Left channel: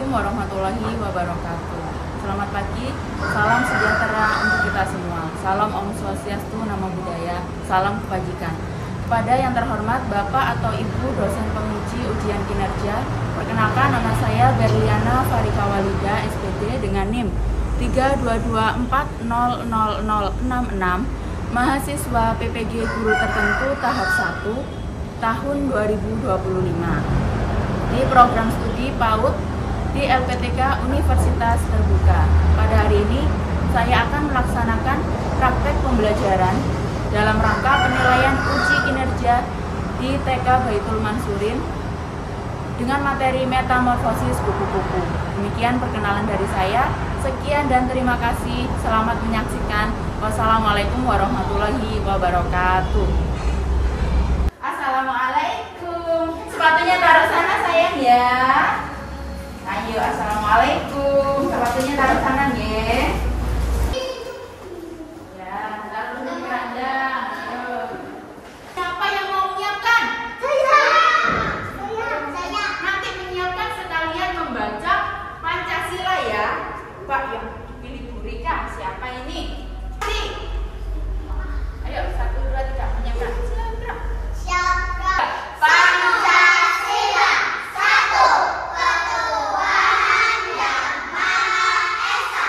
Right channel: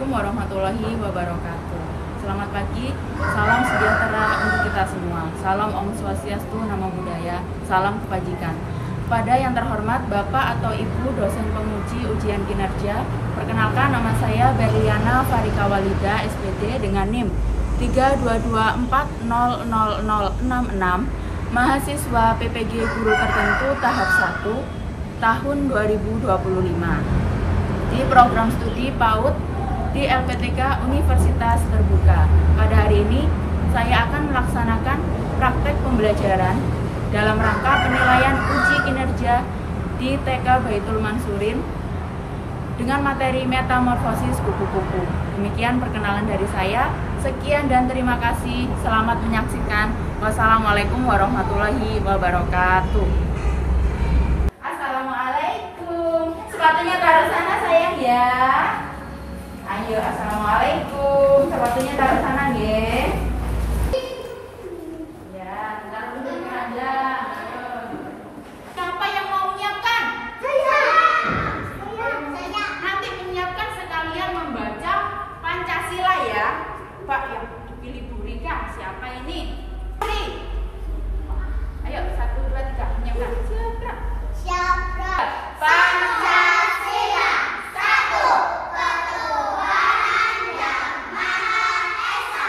Assalamualaikum warahmatullahi wabarakatuh. Selamat pagi, salam sejahtera untuk kita semua. Salam Om Swastiastu, Namo Buddhaya, salam kebajikan. Kepada yang terhormat Bapak atau Ibu dosen penguji ujian kinerja, perkenalkan nama saya Berliana Farika Walida, SPD dengan NIM 322400066, mahasiswa PPG Guru Tertentu tahap 1 tahun 2025 di program studi PAUD di LPTK Universitas Terbuka. Pada hari ini saya akan melaksanakan praktek pembelajaran dalam rangka penilaian uji kinerja di TK Baitul Mansurin dengan materi metamorfosis kupu-kupu. Demikian perkenalan dari saya. Sekian dan terima kasih. Selamat menyaksikan. Wassalamualaikum warahmatullahi wabarakatuh. Assalamualaikum. Sepatunya taruh sana sayang ya. Ayo, assalamualaikum. Sepatunya taruh sana ya. Ya, taruh dulu di keranjang. Ayo. Siapa yang mau menyiapkan? Saya. Nanti menyiapkan sekalian membaca Pancasila ya. Pak yang dipilih Bu Rika, siapa ini? Ayo, 1, 2, 3, menyiapkan. Silakan. Siapkan. Pancasila, 1, ketuhanan yang Maha Esa.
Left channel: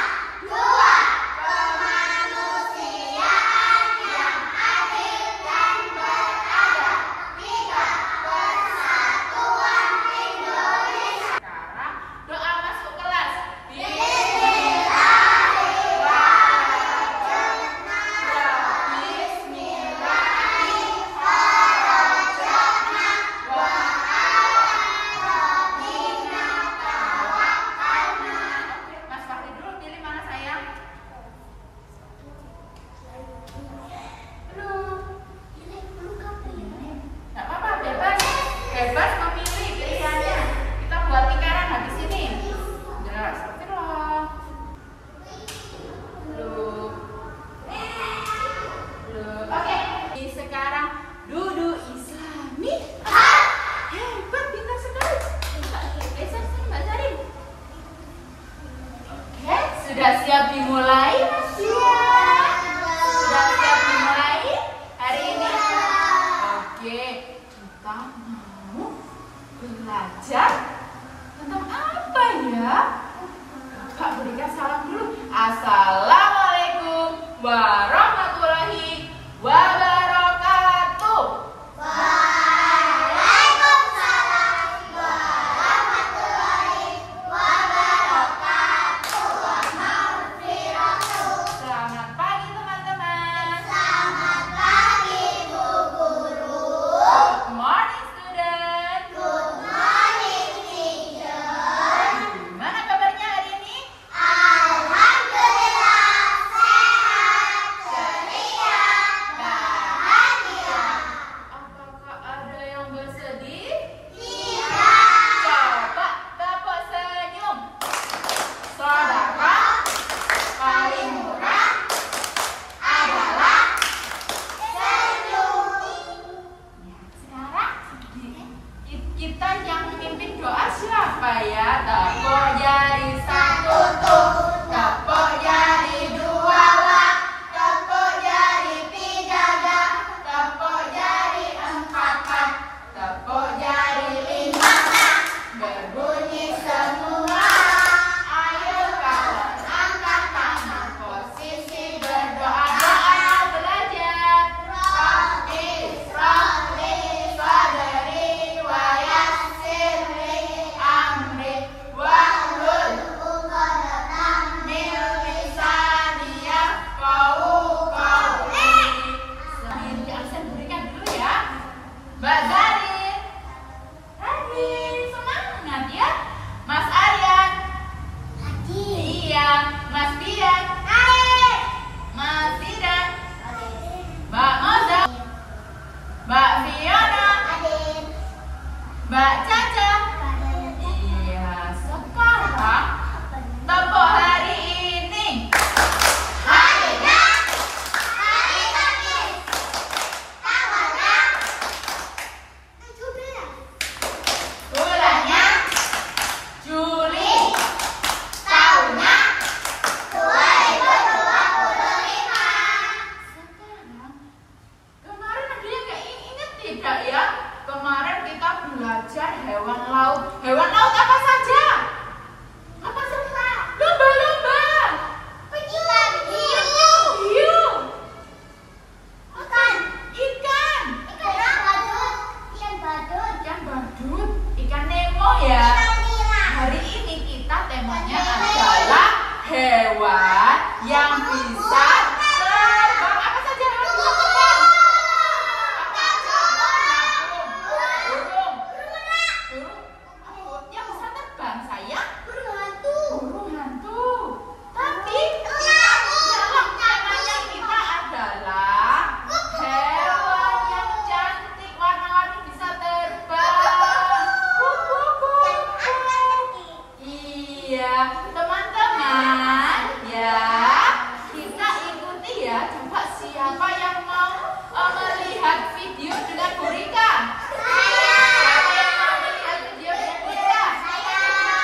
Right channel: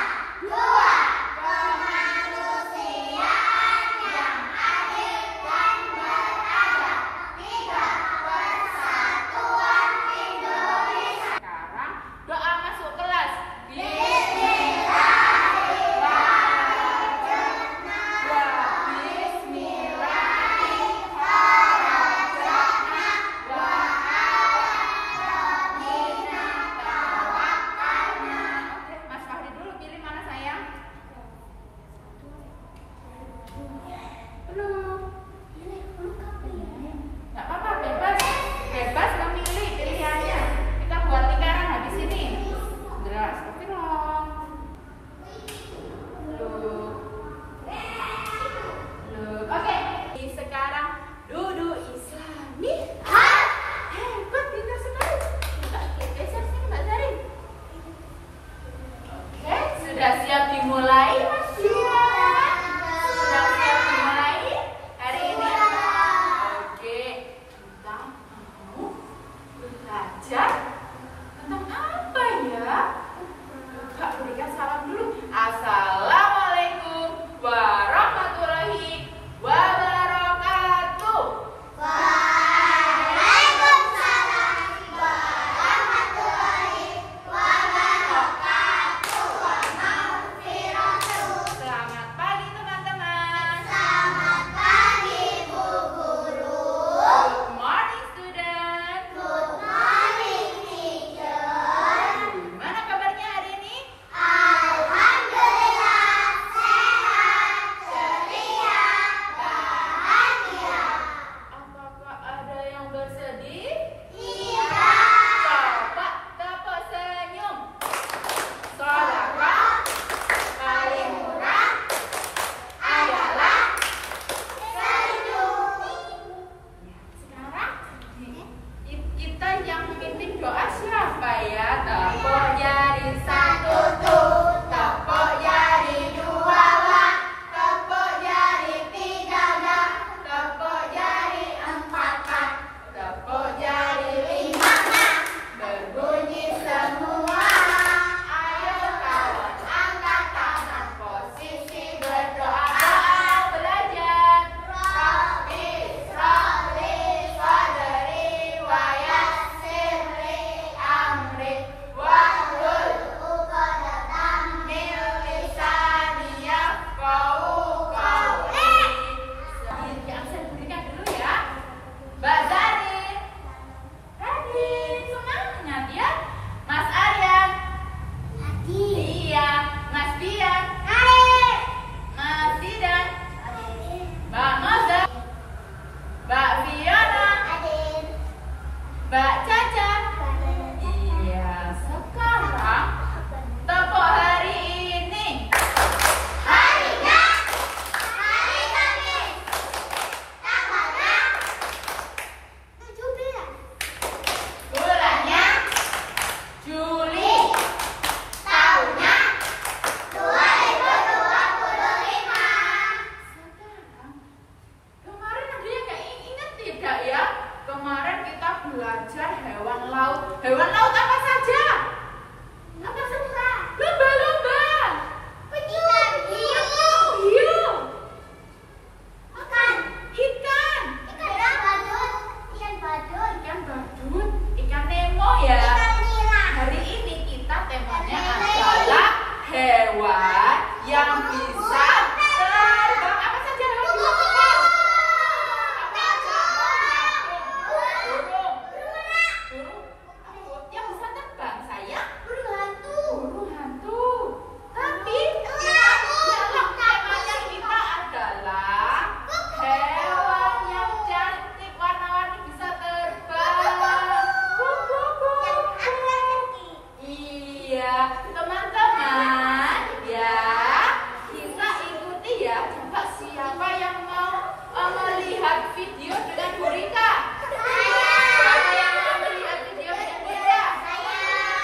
coba siapa yang mau melihat video dengan Bu Rika? Siapa yang mau melihat video dengan Bu Rika?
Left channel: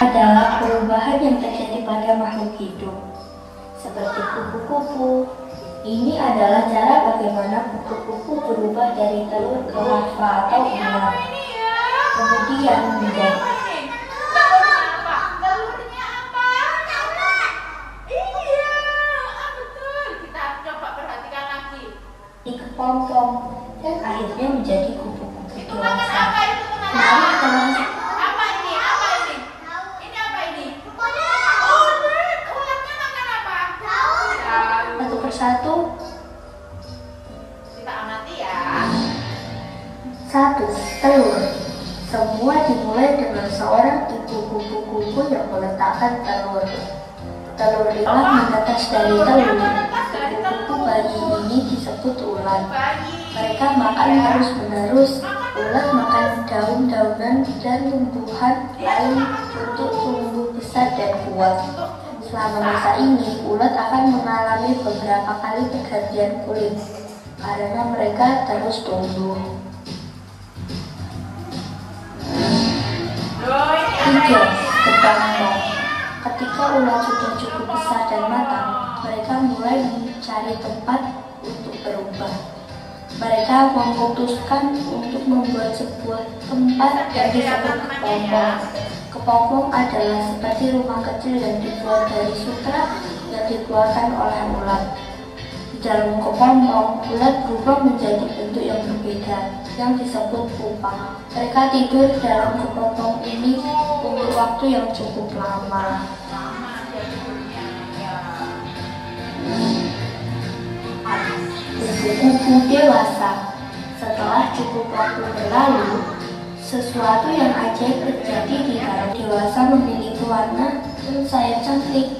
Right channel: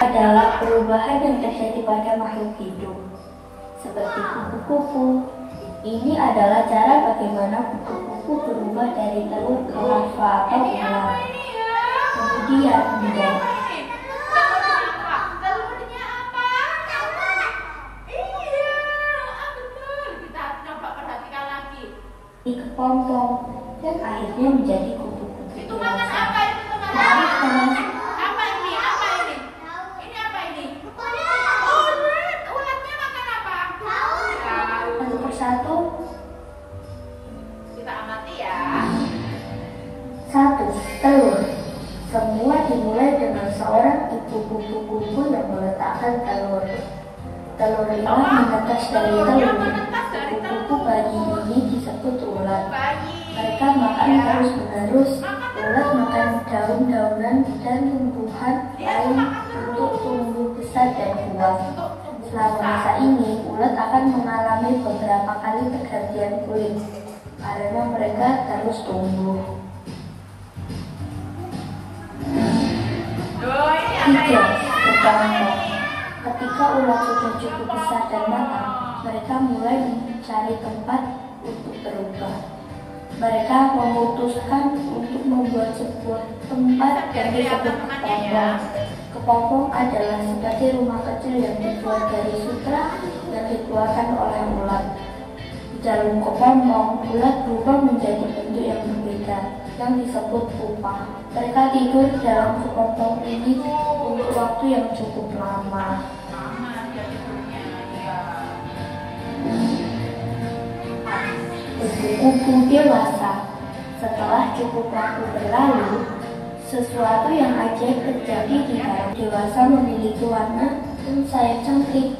Adalah perubahan yang terjadi pada makhluk hidup, seperti kupu-kupu. Ini adalah cara bagaimana kupu-kupu berubah dari telur ke larva atau ular, kemudian menjadi telurnya apa? Iya, betul. Kita coba perhatikan lagi. kepompong dan akhirnya menjadi kupu-kupu Itu makan dewasa. apa? Itu makan Mari apa? kita langsung Apa ini? Apa ini? Ini apa ini? Ulat. Ulatnya makan apa? Daun. satu persatu. Kita amati ya. 1. Telur. Semua dimulai dengan seorang ibu kupu-kupu yang meletakkan telur. Telur itulah menetas dari telur. Kupu-kupu bayi ini disebut ulat. Mereka makan terus-menerus. Ulat makan daun-daunan dan tumbuhan lain untuk tumbuh besar dan kuat. Selama masa ini, ulat akan mengalami beberapa kali pergantian kulit karena mereka terus tumbuh. 3. Kepompong. Ketika ulat sudah cukup besar dan matang, mereka mulai mencari tempat untuk berubah. Mereka memutuskan untuk membuat sebuah tempat yang disebut kepompong. Kepompong adalah seperti rumah kecil yang dibuat dari sutra yang dikeluarkan oleh ulat. Di dalam kepompong, ulat berubah menjadi bentuk yang berbeda, yang disebut pupa. Mereka tidur dalam kepompong ini untuk waktu yang cukup lama. Kupu-kupu dewasa. Setelah cukup waktu berlalu, sesuatu yang ajaib terjadi di dalam dewasa memiliki warna dan sayap cantik.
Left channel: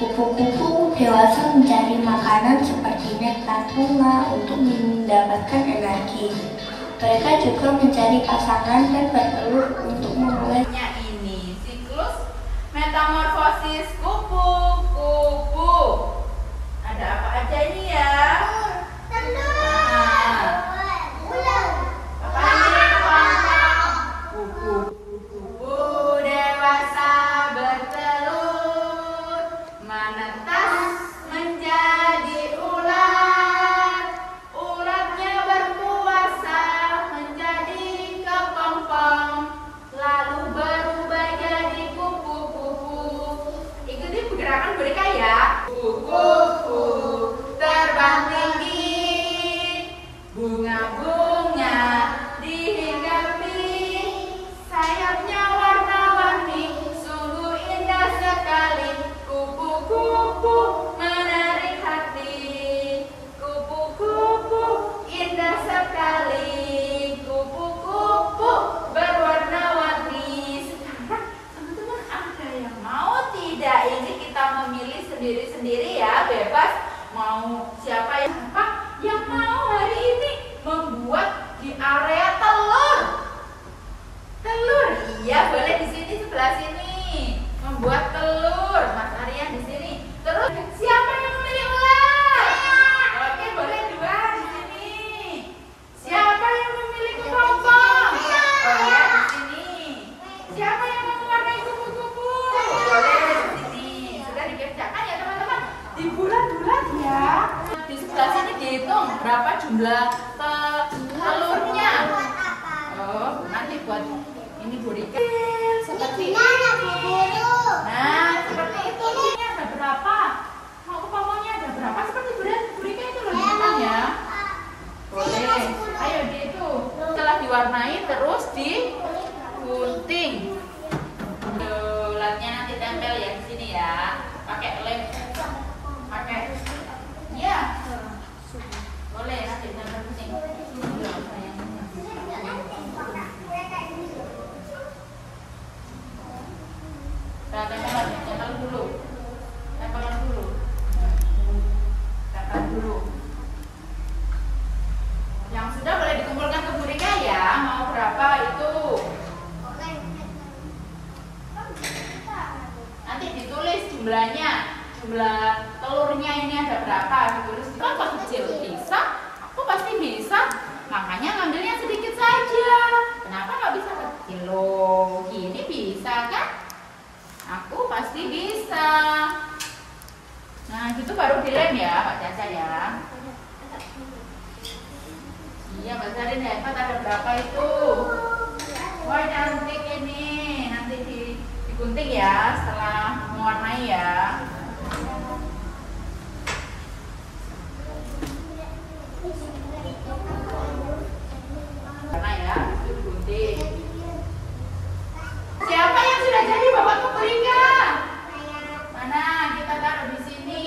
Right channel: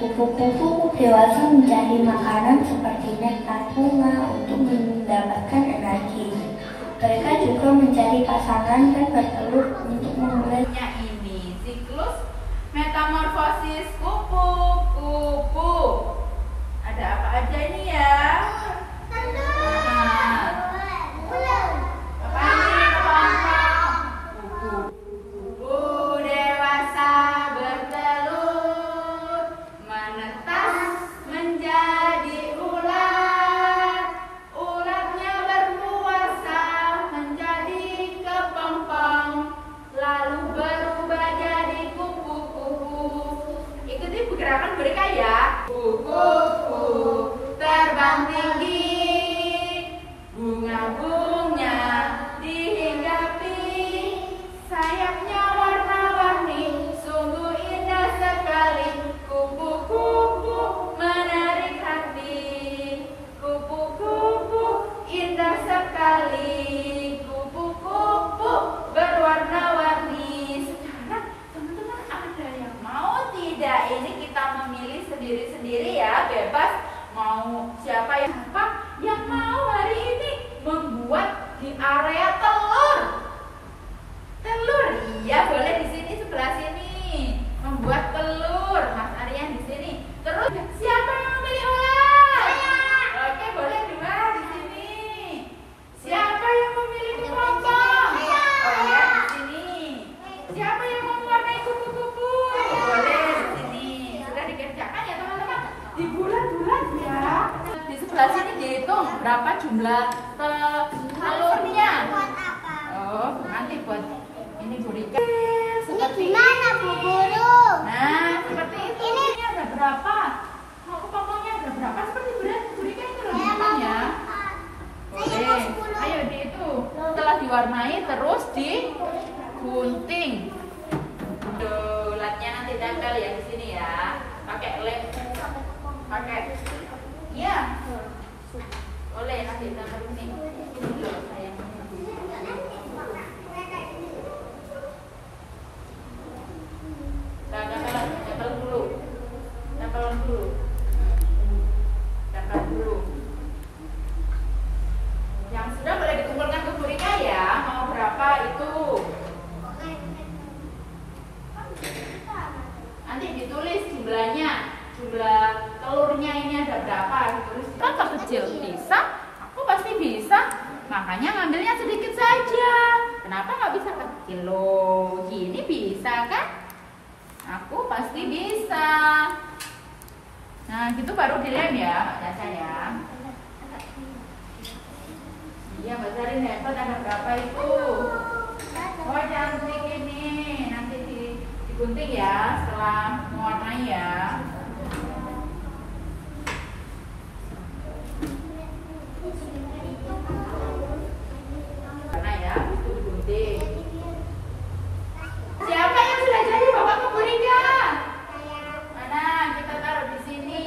Kupu-kupu dewasa mencari makanan seperti nektar bunga untuk mendapatkan energi. Mereka juga mencari pasangan dan bertelur untuk memulai. Ini siklus metamorfosis kupu-kupu. Ada apa aja ini ya? Kupu-kupu dewasa bertelur, menetas menjadi ulat. Ulatnya berkuasa menjadi kepompong, lalu berubah jadi kupu-kupu. Ikuti pergerakan mereka ya. Kupu-kupu terbang tinggi, bunga-bunga dihinggapi, sayapnya warna-warni, sungguh indah sekali. Kupu-kupu menarik hati, kupu-kupu indah sekali, kupu-kupu berwarna-warni. Sekarang teman-teman ada yang mau tidak? Ini kita memilih sendiri-sendiri ya, bebas mau siapa yang mau hari ini membuat di area telur. Telur, iya boleh di sini sebelah sini membuat telur. Mas Aryan di sini. Terus siapa yang memilih ulat? Oke, boleh dua di sini. Siapa yang memilih kepompong? Boleh di sini. Siapa yang mau mewarnai kupu-kupu? Boleh di sini. Sudah dikerjakan ya teman-teman. Di bulat-bulat ya. Di sebelah sini dihitung berapa jumlah telurnya. Oh, nanti buat ini Bu Rika. Seperti itu. Nah, seperti itu. Ini ada berapa? Mau kepompongnya ada berapa? Seperti Bu Rika itu loh ya. Boleh. Ayo dihitung. Setelah diwarnai terus digunting. Ulatnya nanti tempel ya di sini ya. Pakai lem. Pakai. Ya. Boleh nanti tempel di sini. Tempel dulu. Yang sudah boleh dikumpulkan ke Bu Rika ya. Mau berapa itu? kecil. Bisa? Aku pasti bisa. Makanya ngambilnya sedikit saja. Kenapa nggak bisa kecil loh? Gini bisa kan? Aku pasti bisa. Nah, gitu baru dilem ya, Pak Jasa ya. Iya, Mbak Zarin hebat. Ada berapa itu? Wah, cantik ini. Nanti digunting ya setelah mewarnai ya. Karena ya, itu digunting. Siapa yang sudah jadi Bapak memberikan? Mana? Kita taruh di sini.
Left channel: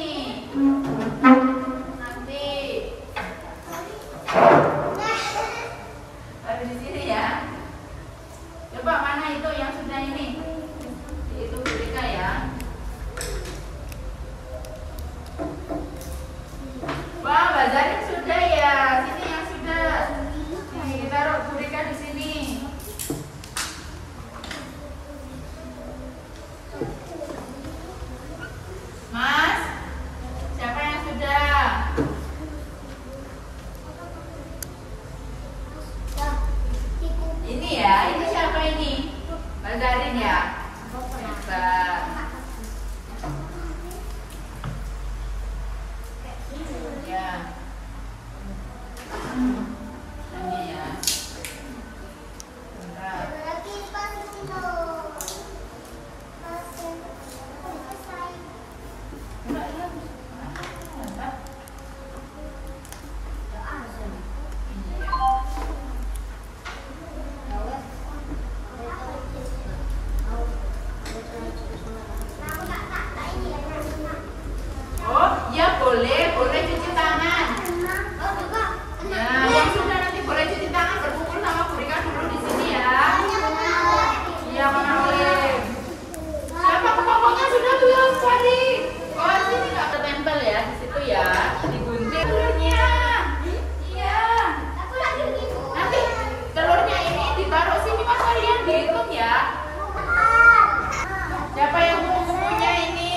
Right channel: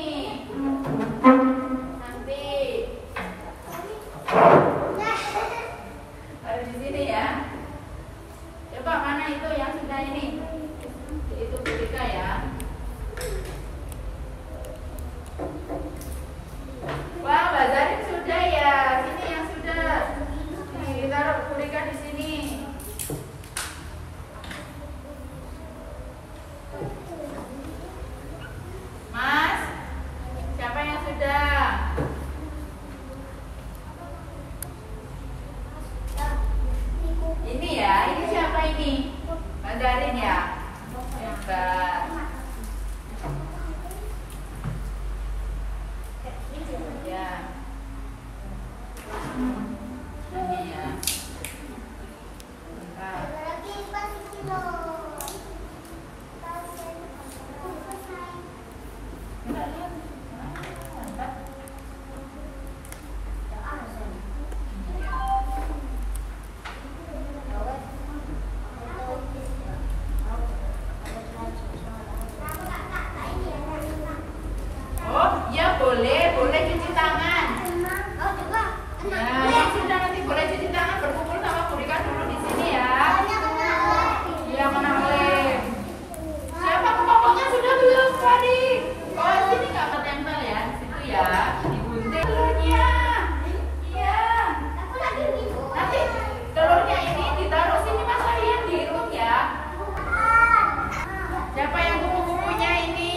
Nanti taruh di sini ya. Coba mana itu yang sudah ini? Itu Burika ya. Wah, Mbak Zarin sudah ya. Sini yang sudah. Ditaruh Burika di sini. Mas, siapa yang sudah? Ini ya, ini siapa ini? Mbak Zarin ya? Hebat. Ya. Ini ya. Mantap. Mbak, ya. Mantap. Ini ya. Oh, ya boleh cuci tangan. Nah, yang sudah nanti boleh cuci tangan berkumpul sama Burika dulu di sini ya. Iya, mana boleh. Siapa kepompongnya sudah belum tadi? Oh, sini nggak ketempel ya, di situ ya. Digunting telurnya. Iya. Nanti telurnya ini ditaruh sini Mas kalian dihitung ya. Siapa yang punya ini?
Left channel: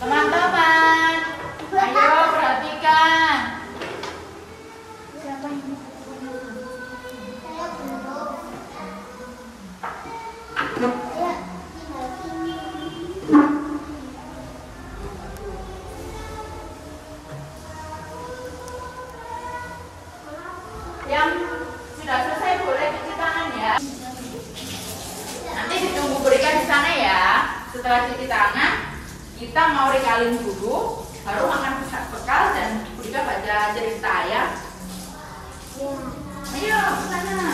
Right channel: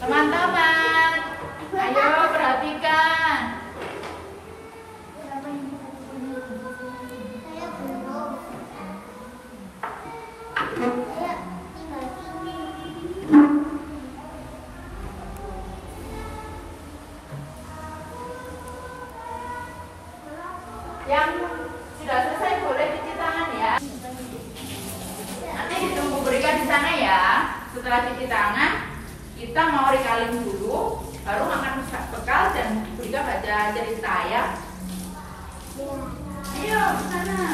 Teman-teman, ayo perhatikan. Yang sudah selesai boleh cuci tangan ya. Nanti ditunggu Burika di sana ya. Setelah cuci tangan, kita mau recalling dulu, baru makan bekal dan Burika baca cerita ya. Ayo ke sana.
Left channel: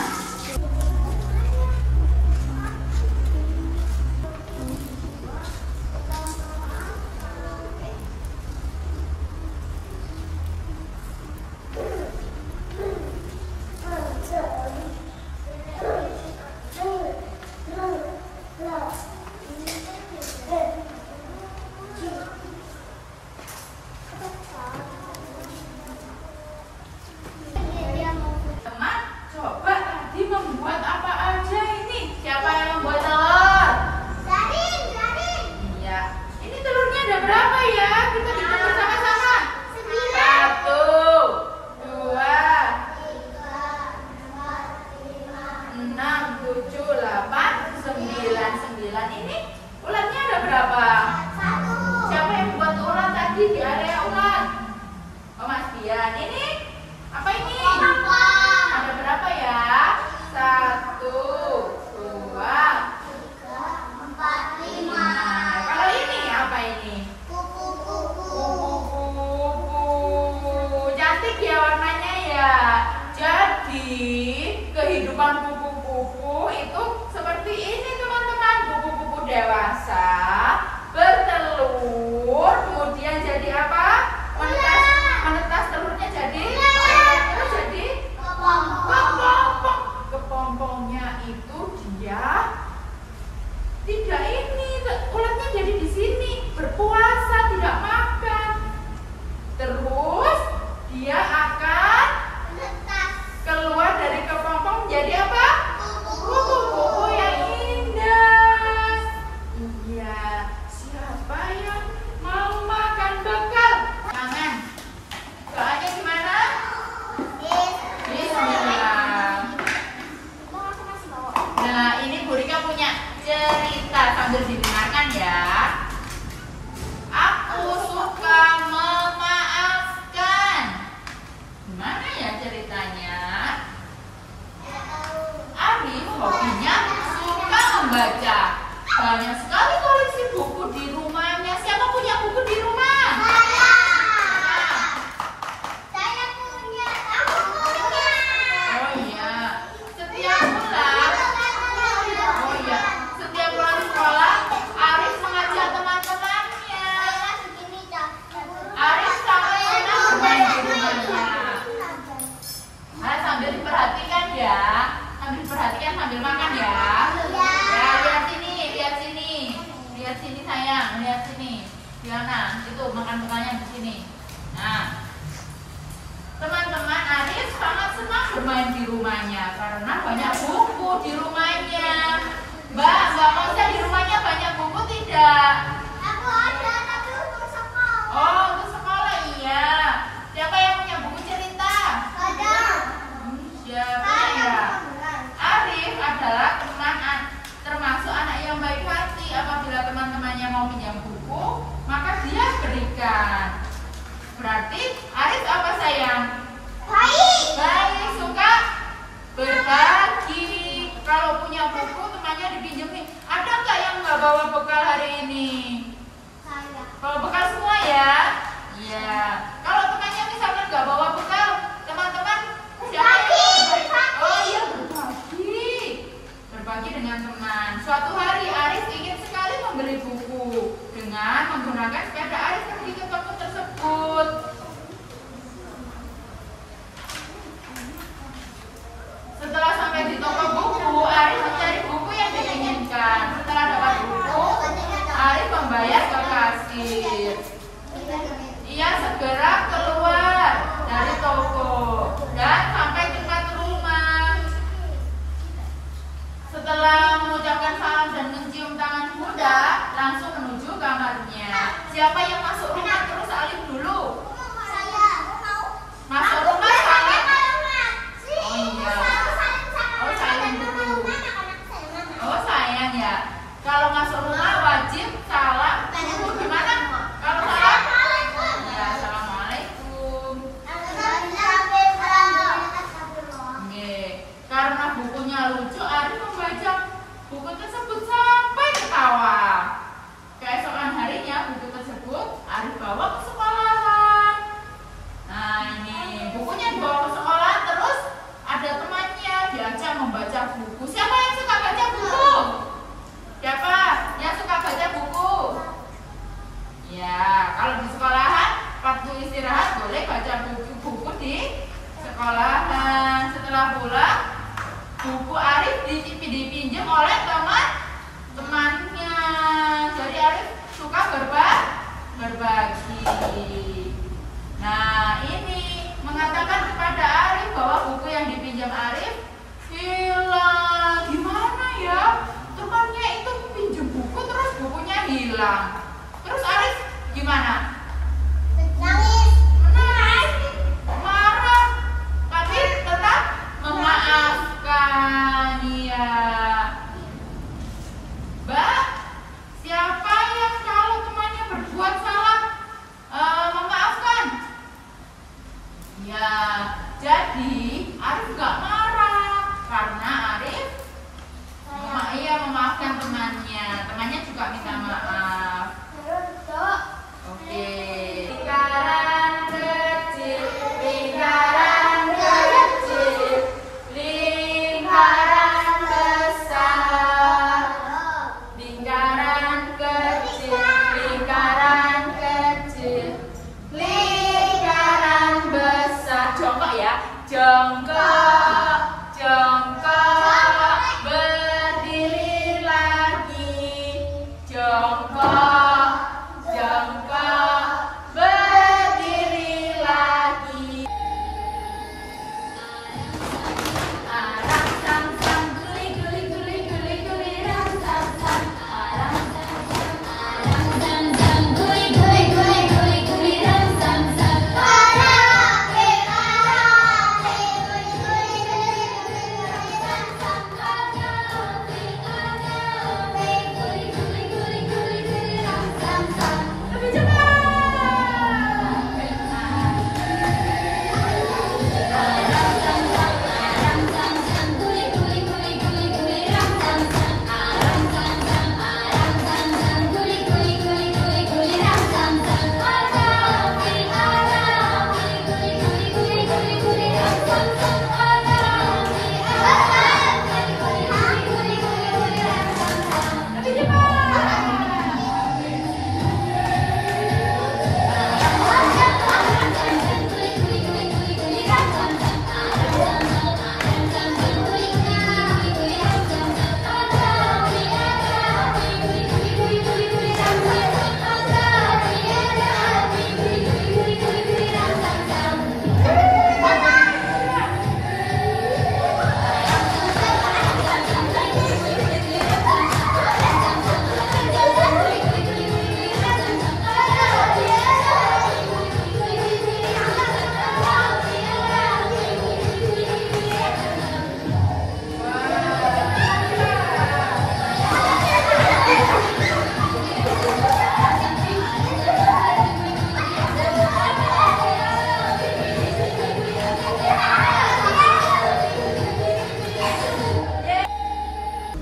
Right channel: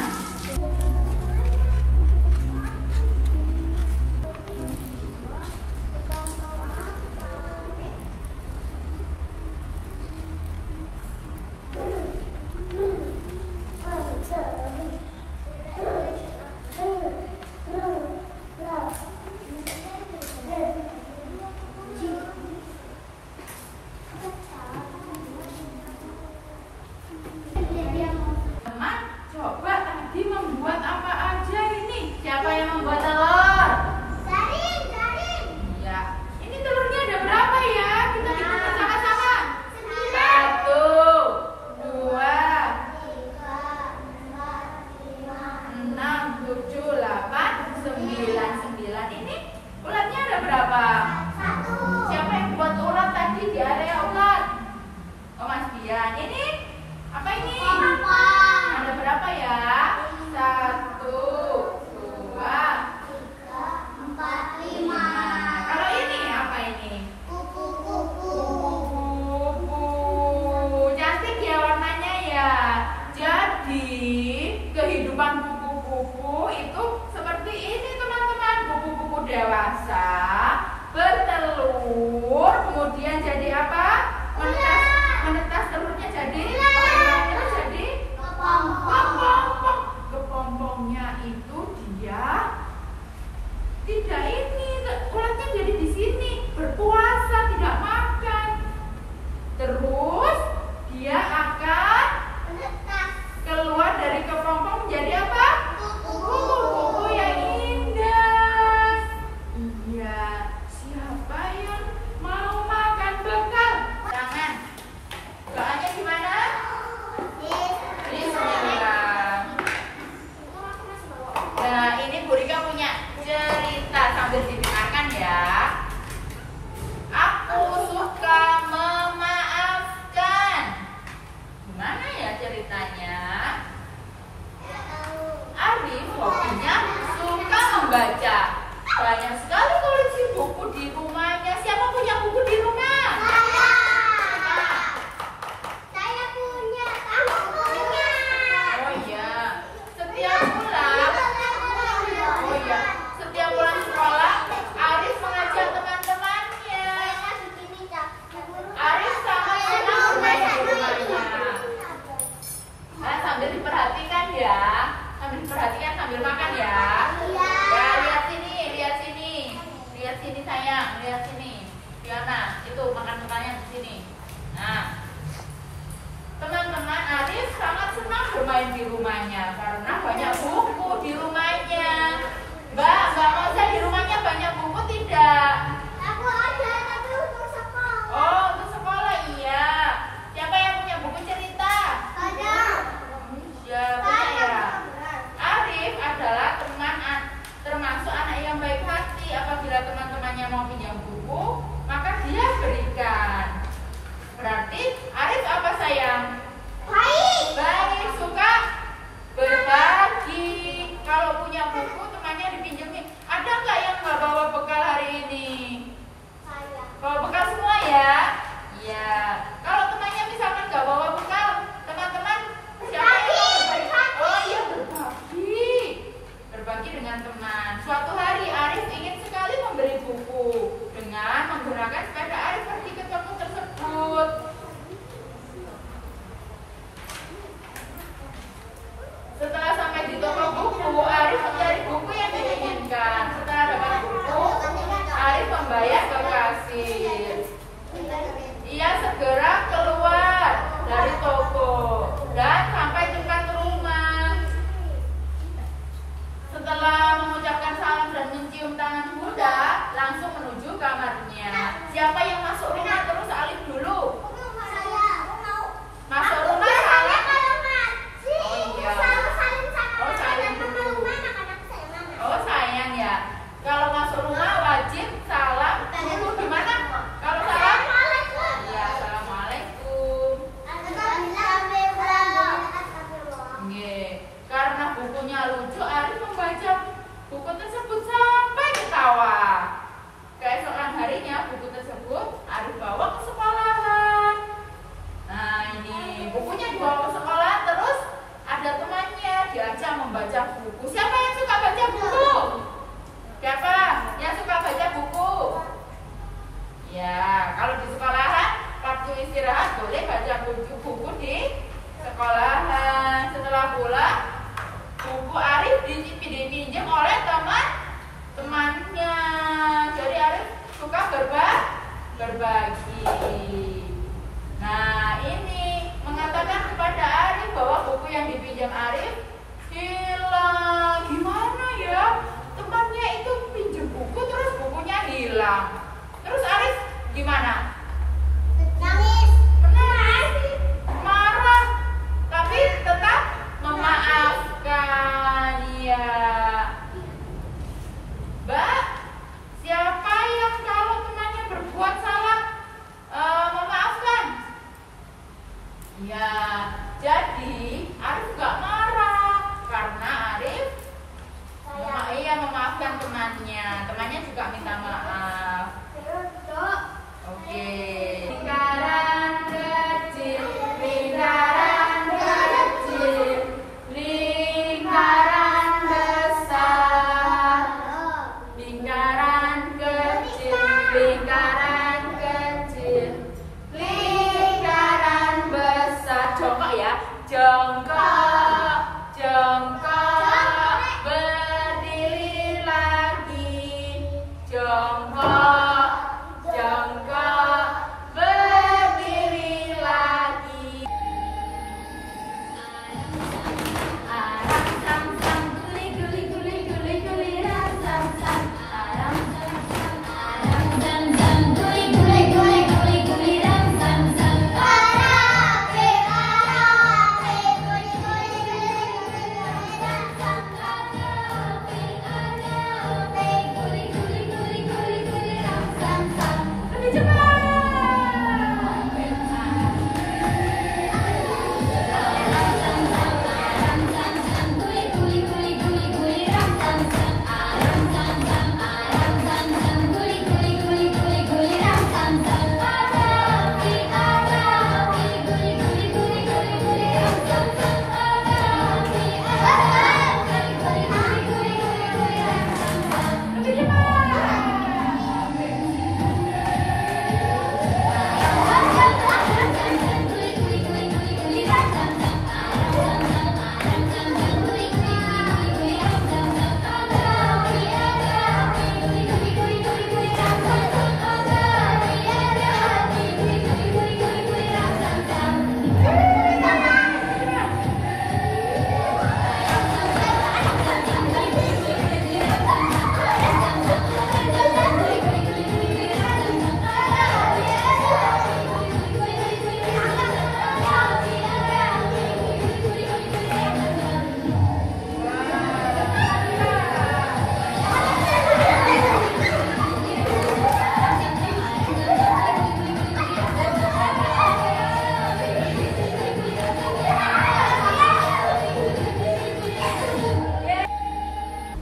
Teman, coba tadi membuat apa aja ini? Siapa yang membuat telur? Zarin. Iya. Ini telurnya ada berapa ya? Kita hitung bersama-sama. 1, 2, 6, 7, 8, 9. Ini ulatnya ada berapa? Siapa yang buat ulat tadi di area ulat? Oh, Mas Bian. Ini apa ini? Ada berapa ya? 1, 2, 5. Kalau ini apa ini? Kupu-kupu. Cantik ya warnanya ya. Jadi kehidupan kupu-kupu itu seperti ini teman-teman. Kupu-kupu dewasa bertelur, kemudian jadi apa? Menetas telurnya jadi terus jadi kepompong. Kepompongnya itu dia tidak ini, ulatnya jadi di sini berpuasa, tidak makan. Terus dia akan keluar dari kepompong menjadi apa? Kupu-kupu. Ya, ini Bu Rika punya cerita sambil didengarkan ya. Aku suka memaafkan. Gimana ya ceritanya? Arif hobinya suka membaca. Banyak sekali koleksi buku di rumahnya. Siapa punya buku di rumah? Saya punya. Aku punya. Oh iya. Setiap pulang sekolah, Arif mengajak teman-temannya. Arif sangat senang bermain di rumahnya. Nah, sambil diperhatikan ya. Sambil diperhatikan sambil makan ya. Ya, lihat sini sayang, lihat sini. Diana, itu makan temannya di sini. Nah, teman-teman, Arif sangat senang bermain di rumahnya karena banyak buku di rumahnya. Mbak mau saya di rumahnya banyak buku tidak? Aku ada, tapi untuk sekolah. Oh, untuk sekolah iya. Siapa yang punya buku cerita? Ada. Siapa ya? Arif adalah termasuk anak yang baik hati. Apabila teman-temannya mau pinjam buku, maka dia berikan. Berarti Arif apa sayang? Baik, suka berbagi. Kalau punya buku temannya dipinjemin. Ada nggak yang nggak bawa bekal hari ini? Bawa bekal semua ya? Iya. Kalau temannya misalkan nggak bawa bekal, teman-teman siapa yang berbagi? Oh iya, berbagi dengan teman. Suatu hari Arif ingin sekali membeli buku dengan menggunakan sepeda Arif pergi ke toko tersebut. Setelah sampai di toko buku, Arif mencari buku yang diinginkan. Setelah dapat buku, Arif membayar ke kasir. Ia segera keluar dari toko dan sampai di depan rumah. Setelah mengucapkan salam dan mencium tangan muda, langsung menuju kamarnya. Siapa yang masuk rumah terus Arif dulu? Masuk rumah salam. Oh iya. Oh sayang dulu. Oh sayang ya. Kalau masuk rumah wajib salam dulu gimana? Kalau salam? Ya assalamualaikum. Karena bukunya lucu, Arif membaca buku tersebut sampai ketawa. Keesokan harinya buku tersebut Arif bawa ke sekolahan. Nah ini bukunya dibawa ke sekolah, terus ada temannya diajak membaca buku. Siapa yang suka baca buku? Siapa yang suka baca buku? Ya, kalau di sekolahan waktu istirahat boleh baca buku di sekolahan. Setelah pulang, buku Arif dipinjam oleh teman-temannya. Jadi Arif suka berbagi. Nah ini mengatakan kepada Arif bahwa buku yang dipinjam Arif hilang. Gimana ya? Temannya itu pinjam buku terus bukunya hilang. Terus Arif gimana? Marah, tapi tetap memaafkan. Ya, Mbak, siapa yang kalau temannya berbuat salah memaafkan? Ya, jadi Arif gak marah.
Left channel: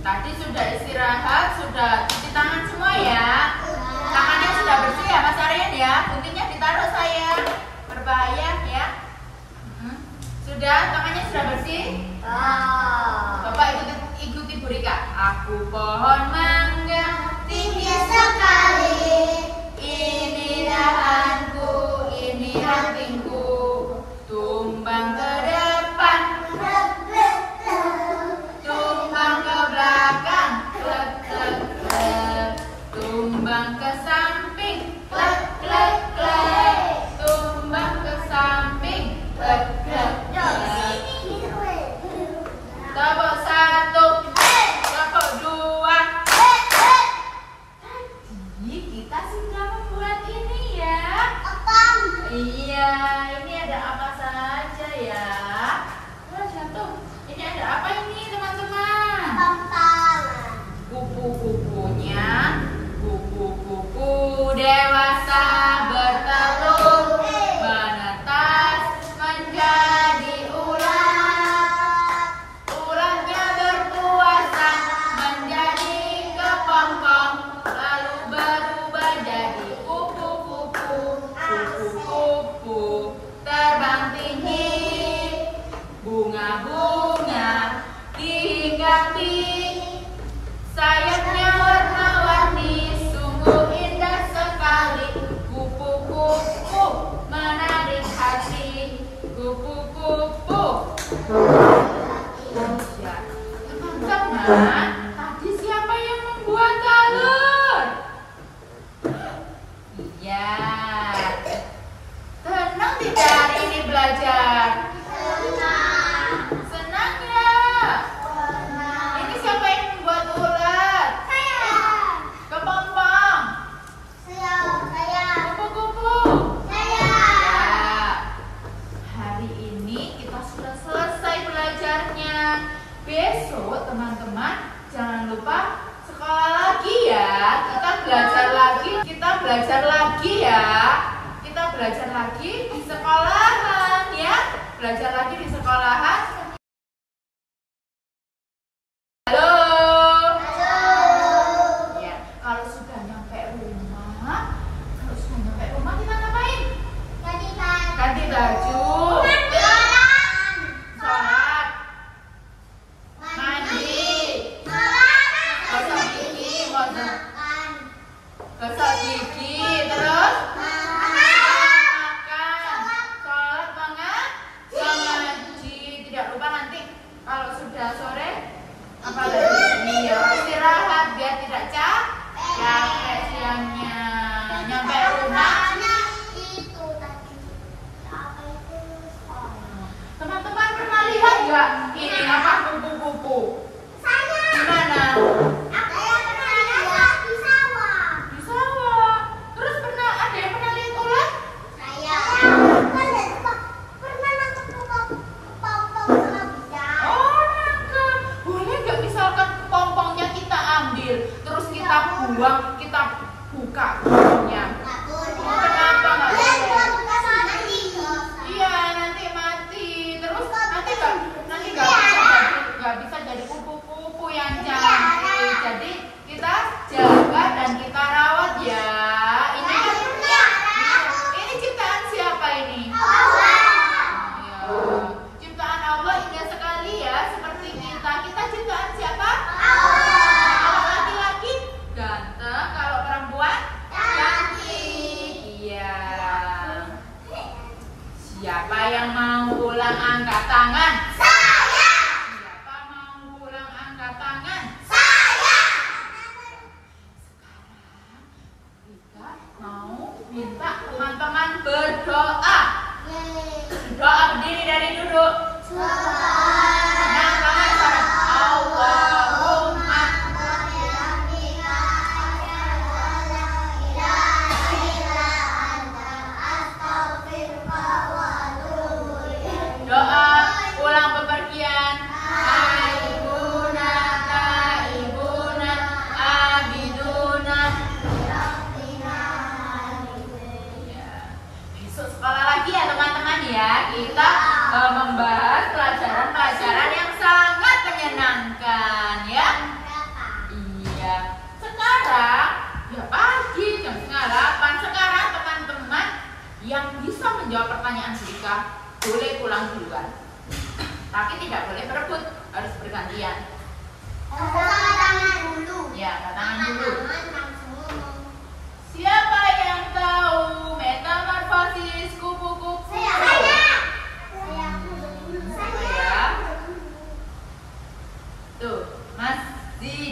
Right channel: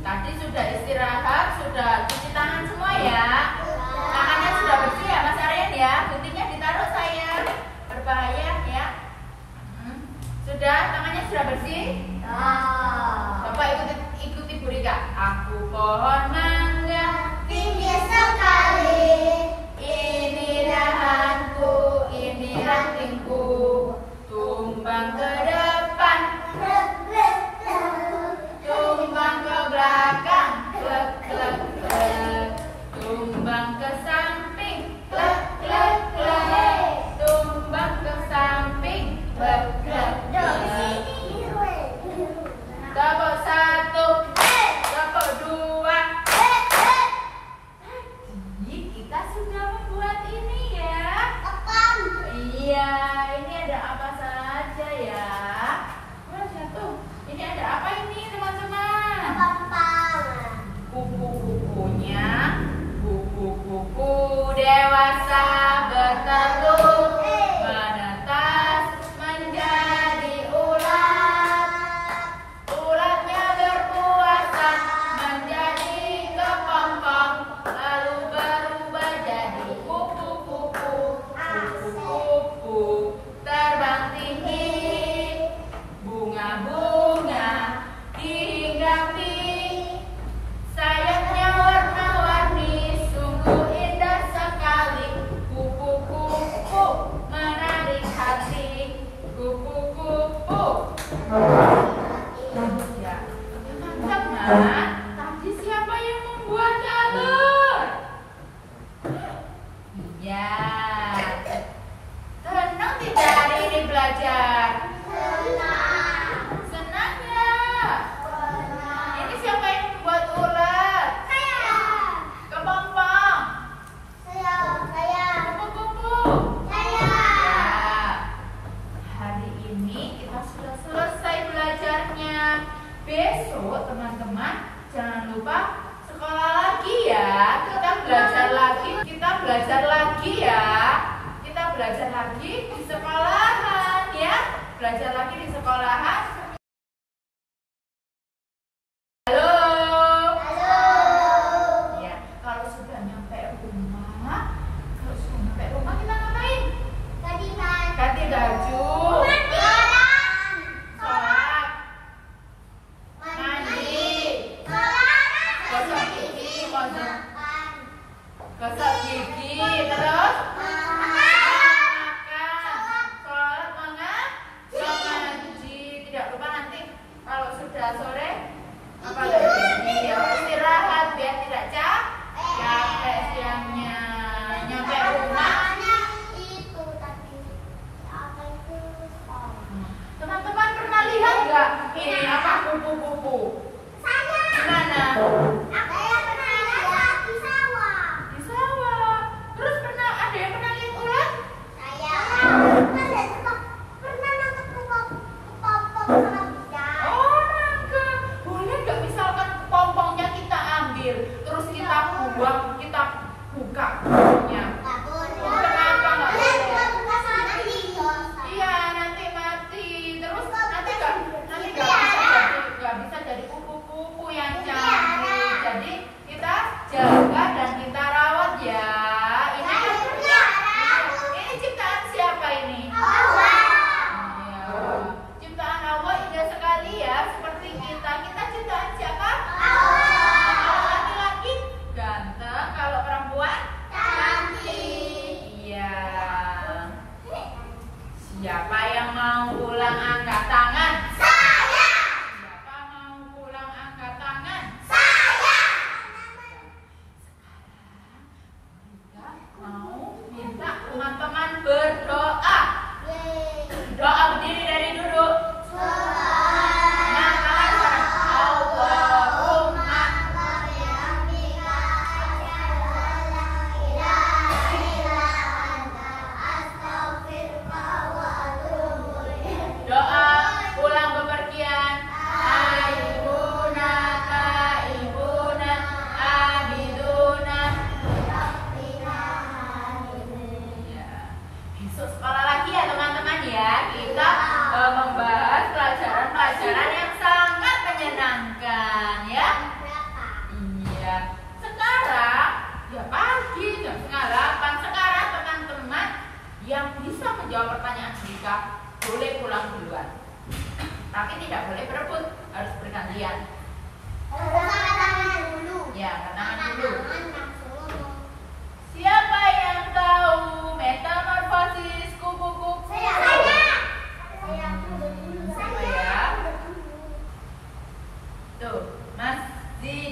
Tadi sudah istirahat, sudah cuci tangan semua ya. Tangannya sudah bersih ya Mas Aryan ya. Mungkinnya ditaruh sayang, berbahaya ya. Sudah, tangannya sudah bersih? Bapak ikuti Bu Rika. Aku pohon mangga tinggi sekali, ini dahanku, ini rantingku, tumbang ke depan, tumbang ke belakang, tumbang ke samping, tumbang ke samping, tepuk satu, tepuk dua.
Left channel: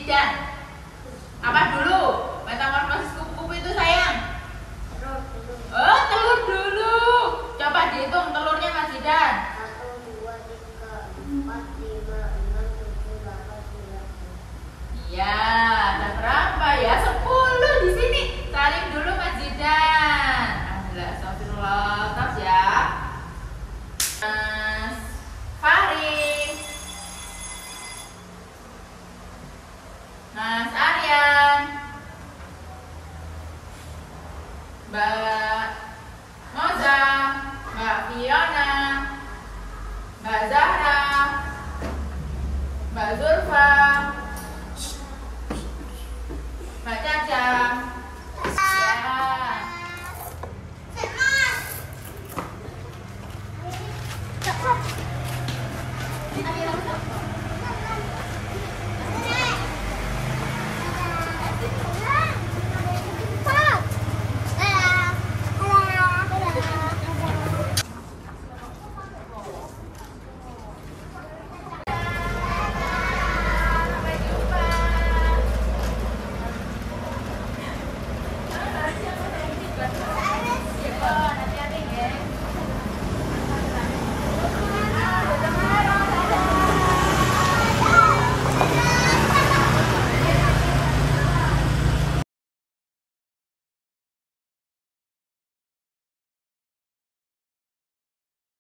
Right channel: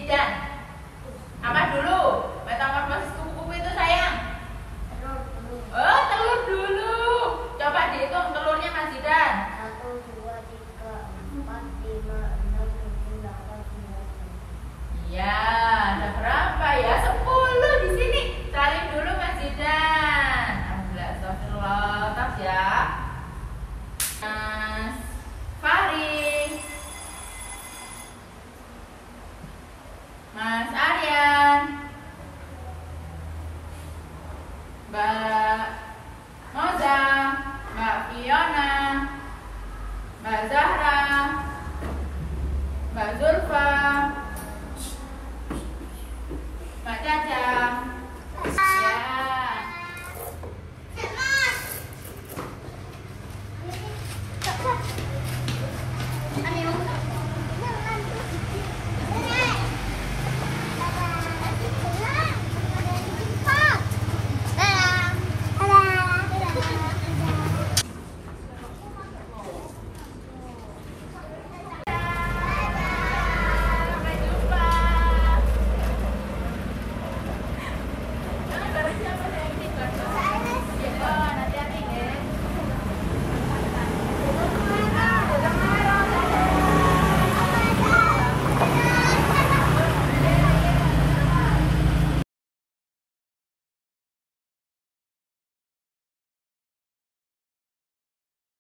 Zidan. Apa dulu? Metamorfosis kupu itu sayang? Oh, telur dulu. Coba dihitung telurnya Mas Zidan. 1, 2, 3, 4, 5, 6, 7, 8, 9. Iya, ada berapa ya? 10 di sini. Salin dulu Mas Zidan. Alhamdulillah, astagfirullah. Tas ya. Mas Faring. Mas Aryan. Mbak